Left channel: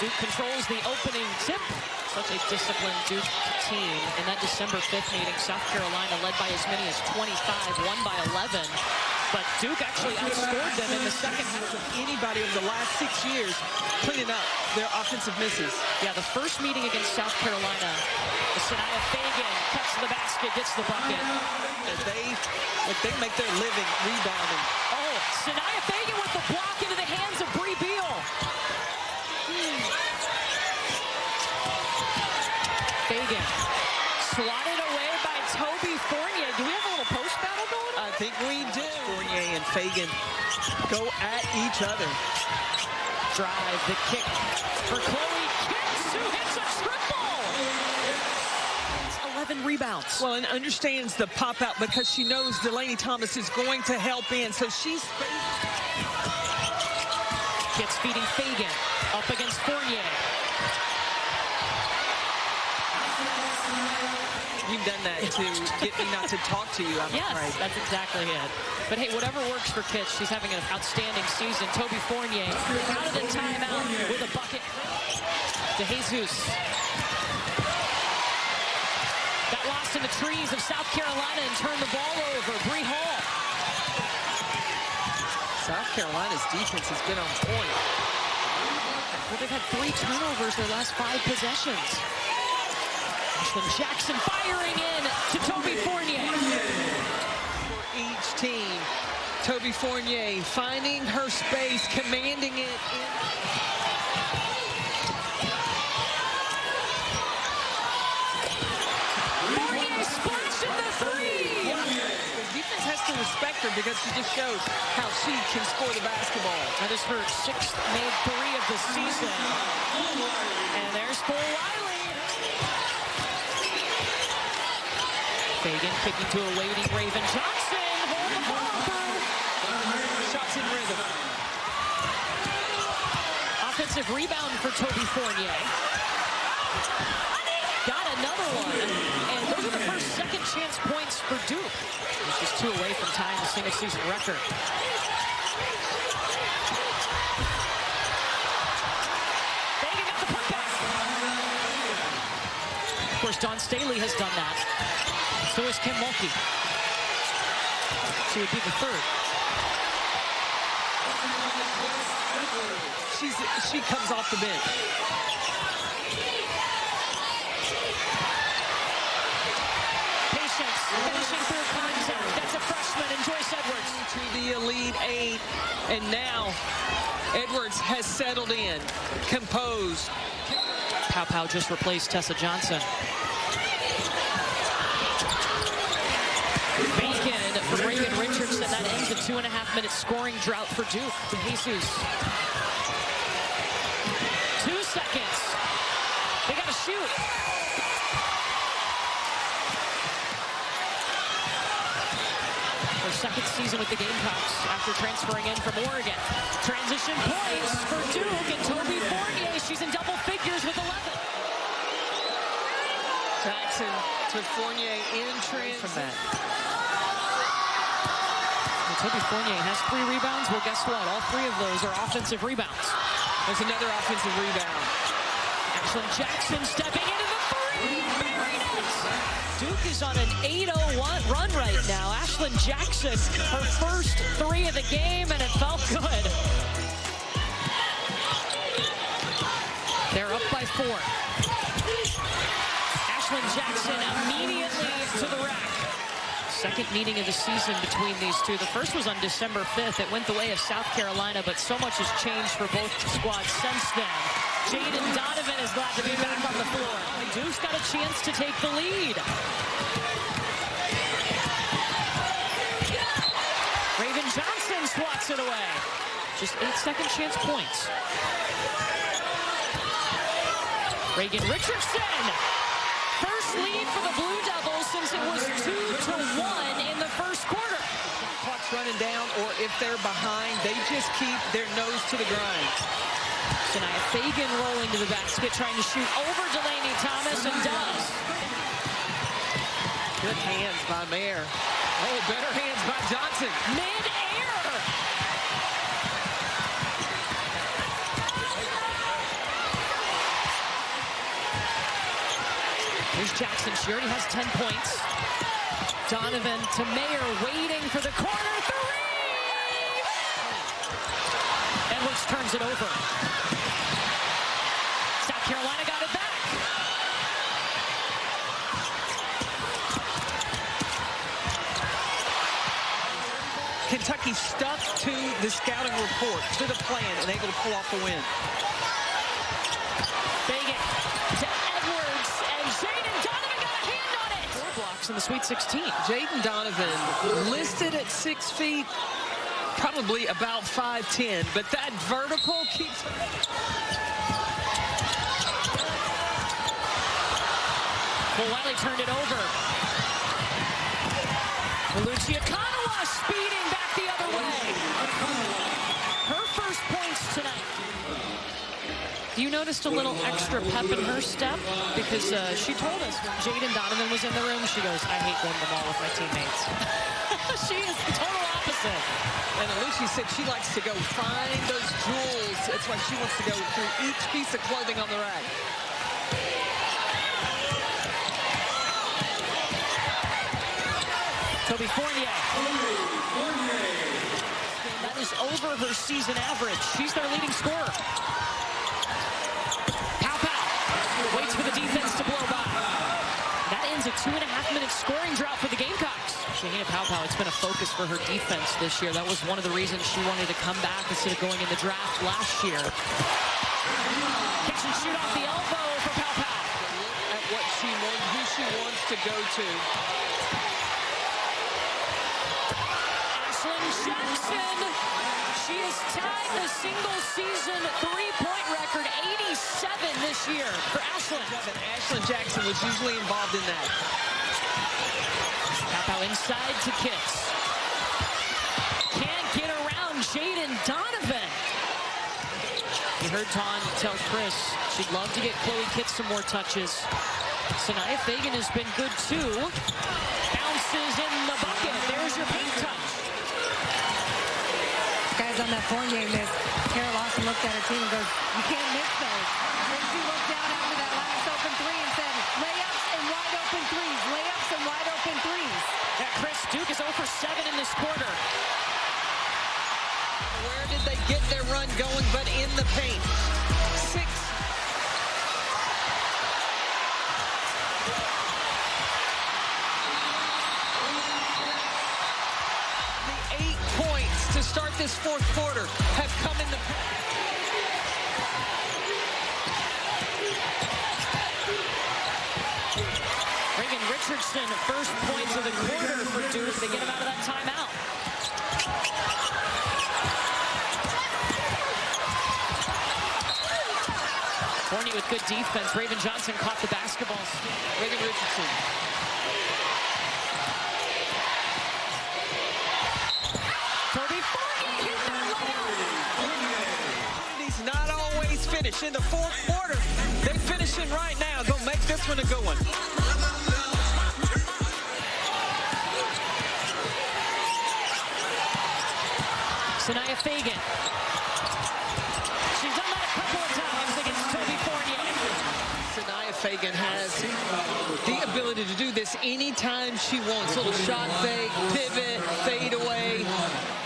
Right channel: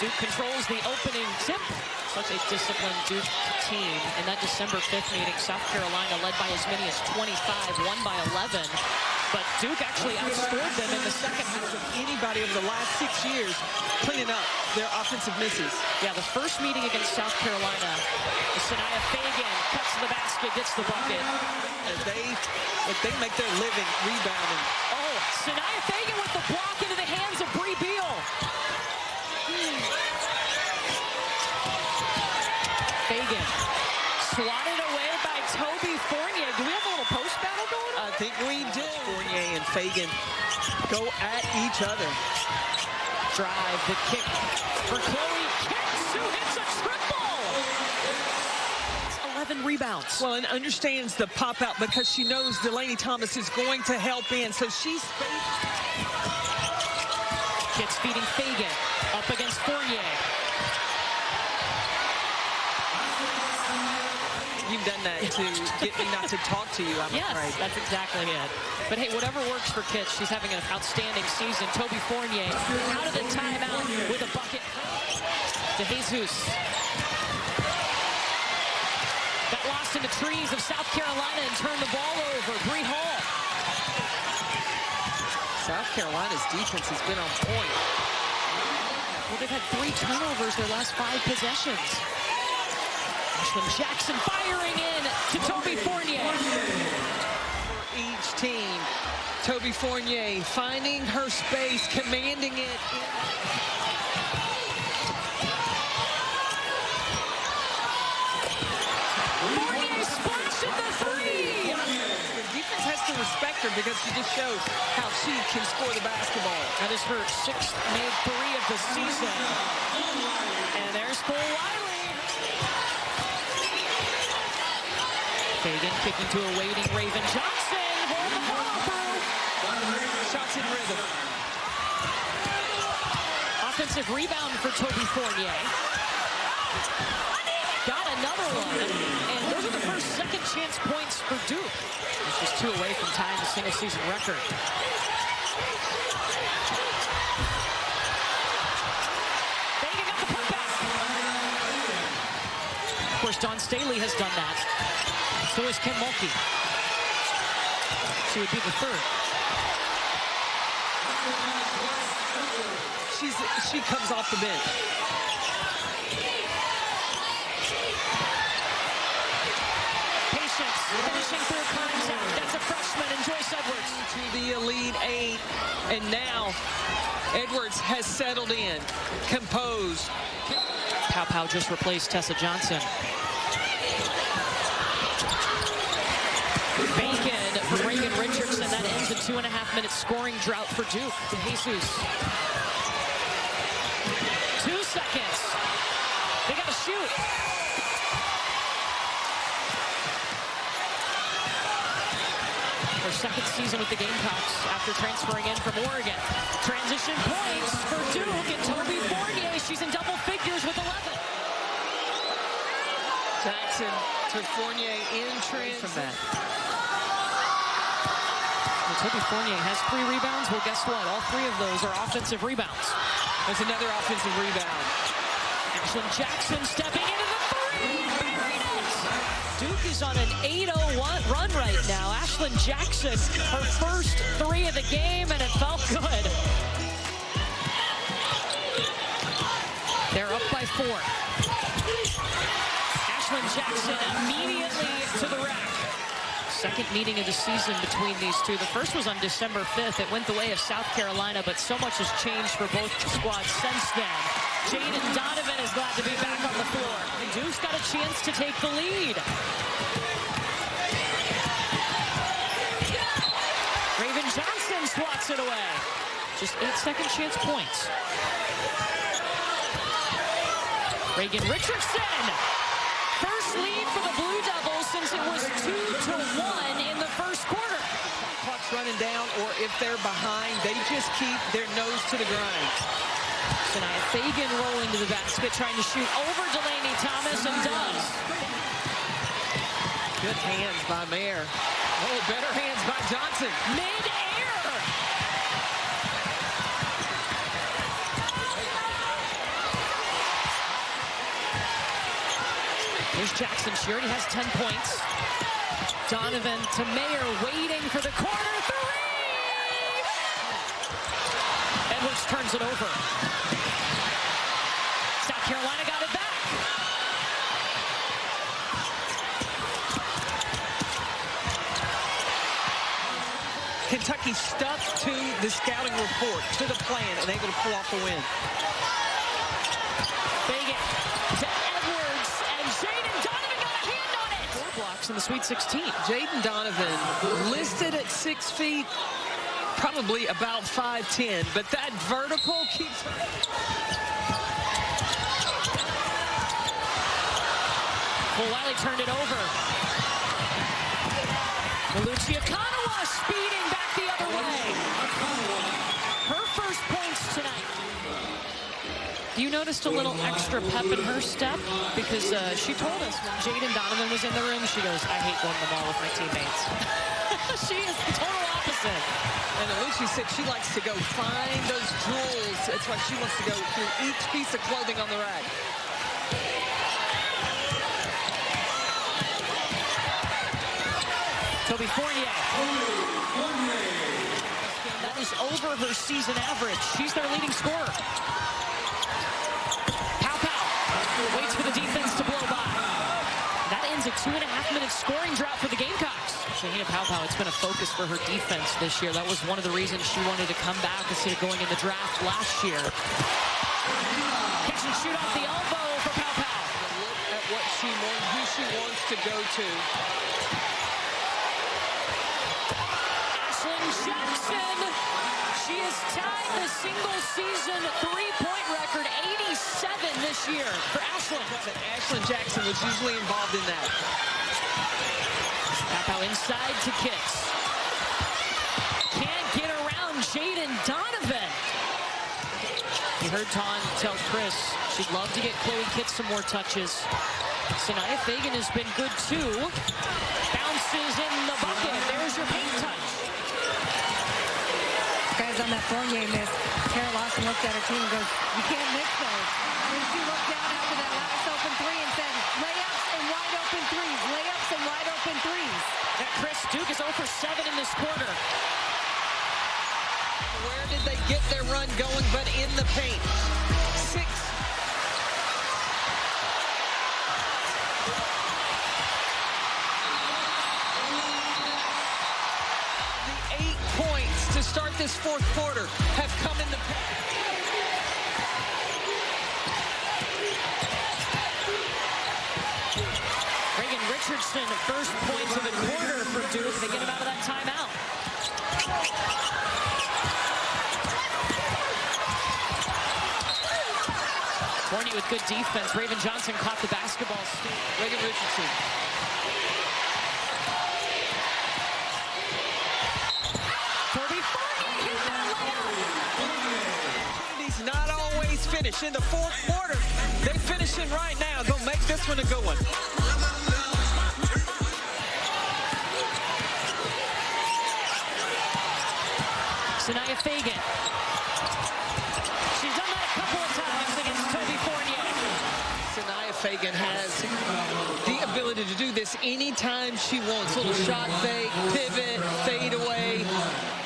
Duke controls the opening tip. Such a disciplined Duke team. In that December 5th meeting, South Carolina led by as many as 25, won by 11. But Duke actually outscored them in the second half. Of anybody over the last 6 years cleaning up their offensive misses. Yeah, the first meeting against South Carolina, Sanaya Fagan cuts to the basket, gets the bucket. And they make their living rebounding. Oh, Sanaya Fagan with the block into the hands of Bree Beal. Fagan swatted away by Toby Fournier. Do we have a little post battle going on? I think we do. Fournier and Fagan go at each other. Drive, the kick for Chloe Kitts, who hits a triple. 11 rebounds. Well, and understands the pop out because she knows Delaney Thomas is going to help in. So she's Kitts feeding Fagan up against Fournier. You've done that to get me not to talk to you, I'm afraid. Yes, that's exactly it. But hey, whatever works for Kitts, she's having an outstanding season. Toby Fournier out of the timeout with a bucket. DeJesus. Got lost in the trees of South Carolina and turned the ball over. Bree Hall. South Carolina's defense has been on point. Well, they've had 3 turnovers their last 5 possessions. Ashlyn Jackson firing in to Toby Fournier. For each team, Toby Fournier finding her space, commanding it in. Fournier splashing the 3! The defense has to respect her because she just shows how she can score the basketball. That is her 6th made 3 of the season. And there's Full Wiley. Fagan kicking to a waiting Raven Johnson. Hold the follow through. Shots in rhythm. Offensive rebound for Toby Fournier. Got another one. And those are the first second chance points for Duke, which is 2 away from tying the single season record. Fagan got the putback. Of course, Dawn Staley has done that. So is Kim Mulkey. She would be the 3rd. She comes off the bench. Patience, finishing through contact. That's a freshman, and Joyce Edwards. To the Elite 8, and now Edwards has settled in, composed. Pow Pow just replaced Tessa Johnson. Bacon from Reagan Richardson. That ends a 2.5-minute scoring drought for Duke. DeJesus. 2 seconds. They got to shoot. Her 2nd season with the Gamecocks after transferring in from Oregon. Transition points for Duke, and Toby Fournier, she's in double figures with 11. Jackson to Fournier in transition. From that. Toby Fournier has 3 rebounds. Well, guess what? All 3 of those are offensive rebounds. There's another offensive rebound. Ashlyn Jackson stepping into the 3, buried it! Duke is on an 8-0 run right now. Ashlyn Jackson, her first 3 of the game, and it felt good. They're up by 4. Ashlyn Jackson immediately to the rack. 2nd meeting of the season between these two. The first was on December 5th. It went the way of South Carolina, but so much has changed for both squads since then. Jaden Donovan is glad to be back on the floor. And Duke's got a chance to take the lead. Raven Johnson swats it away. Just 8 second chance points. Reagan Richardson. First lead for the Blue Devils since it was 2-1 in the first quarter. The shot clock's running down, or if they're behind, they just keep their nose to the grind. Sanaya Fagan rolling to the basket, trying to shoot over Delaney Thomas, and does. Good hands by Mayer. Oh, better hands by Johnson. Mid-air. Here's Jackson. She already has 10 points. Donovan to Mayer, waiting for the corner three. Edwards turns it over. South Carolina got it back. Kentucky stuck to the scouting report, to the plan, and able to pull off the win. Fagan to Edwards, and Jaden Donovan got a hand on it. 4 blocks in the Sweet 16. Jaden Donovan listed at 6 feet, probably about 5'10", but that vertical keeps her. Well, Wiley turned it over. Lucia Kanawa speeding back the other way. Her first points tonight. You noticed a little extra pep in her step because she told us when Jaden Donovan was in the room, she goes, I hate going to the mall with my teammates. She is the total opposite. And Lucia said she likes to go find those jewels. That's why she wants to go through each piece of clothing on the rack. Toby Fournier. That is over her season average. She's their leading scorer. Pow waits for the defense to blow by. That ends a 2.5-minute scoring drought for the Gamecocks. Shahina Pow, it's been a focus for her defense this year. That was one of the reasons she wanted to come back instead of going in the draft last year. Catch and shoot off the elbow for Pow. Look at what she wants, who she wants to go to. Jackson, she has tied the single-season three-point record, 87 this year for Ashlyn. Ashlyn Jackson was usually involved in that. Pow inside to Kitts. Can't get around Jaden Donovan. You heard Tawn tell Chris she'd love to get Chloe Kitts some more touches. Sanaya Fagan has been good too. Bounces in the bucket. There's your paint touch. Guys on that Fournier miss, Kara Lawson looked at her team and goes, you can't miss those. Then she looked down after that last open three and said, layups and wide open threes, layups and wide open threes. That Chris Duke is 0 for 7 in this quarter. Where did they get their run going but in the paint? 6. To start this fourth quarter have come in the paint. Reagan Richardson, first points of the quarter for Duke. They get him out of that timeout. Fournier with good defense. Raven Johnson caught the basketball. Reagan Richardson. Toby Fournier hit that layup. He's not always finished. In the fourth quarter, they're finishing right now. Go make this one a good one. Sanaya Fagan. She's done that a couple of times against Toby Fournier. Sanaya Fagan has the ability to do this anytime she wants. Little shot fake, pivot, fade away.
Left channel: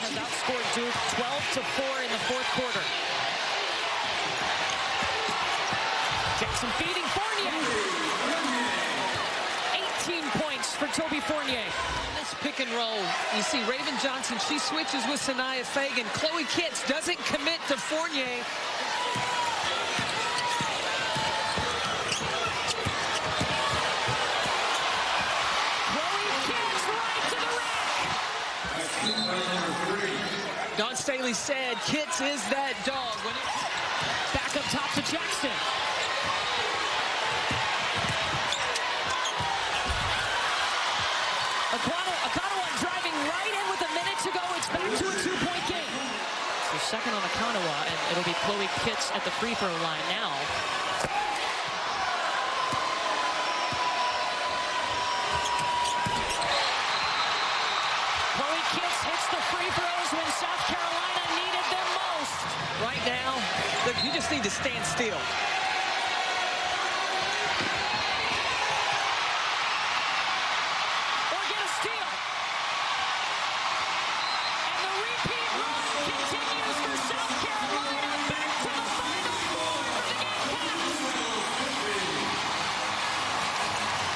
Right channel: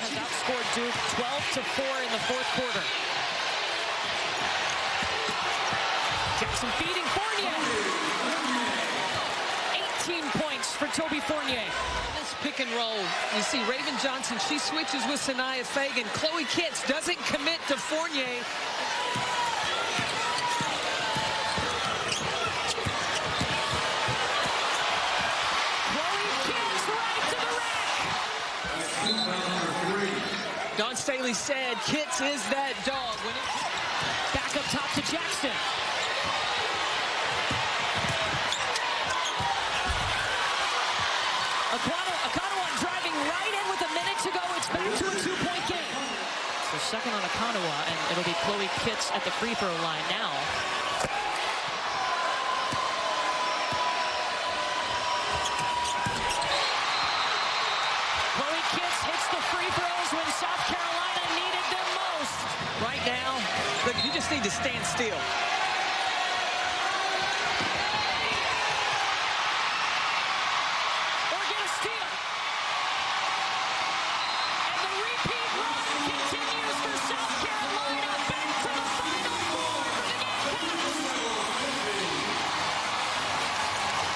Has outscored Duke 12-4 in the fourth quarter. Jackson feeding Fournier. 18 points for Toby Fournier. On this pick and roll, you see Raven Johnson, she switches with Sanaya Fagan. Chloe Kitts doesn't commit to Fournier. Chloe Kitts right to the rack. Dawn Staley said Kitts is that dog. When it back up top to Jackson. Akanawa driving right in with a minute to go. It's back to a 2-point game. So second on Akanawa, and it'll be Chloe Kitts at the free throw line now. Chloe Kitts hits the free throws when South Carolina needed them most. right now, look, you just need to stand still. or get a steal. And the repeat run continues for South Carolina.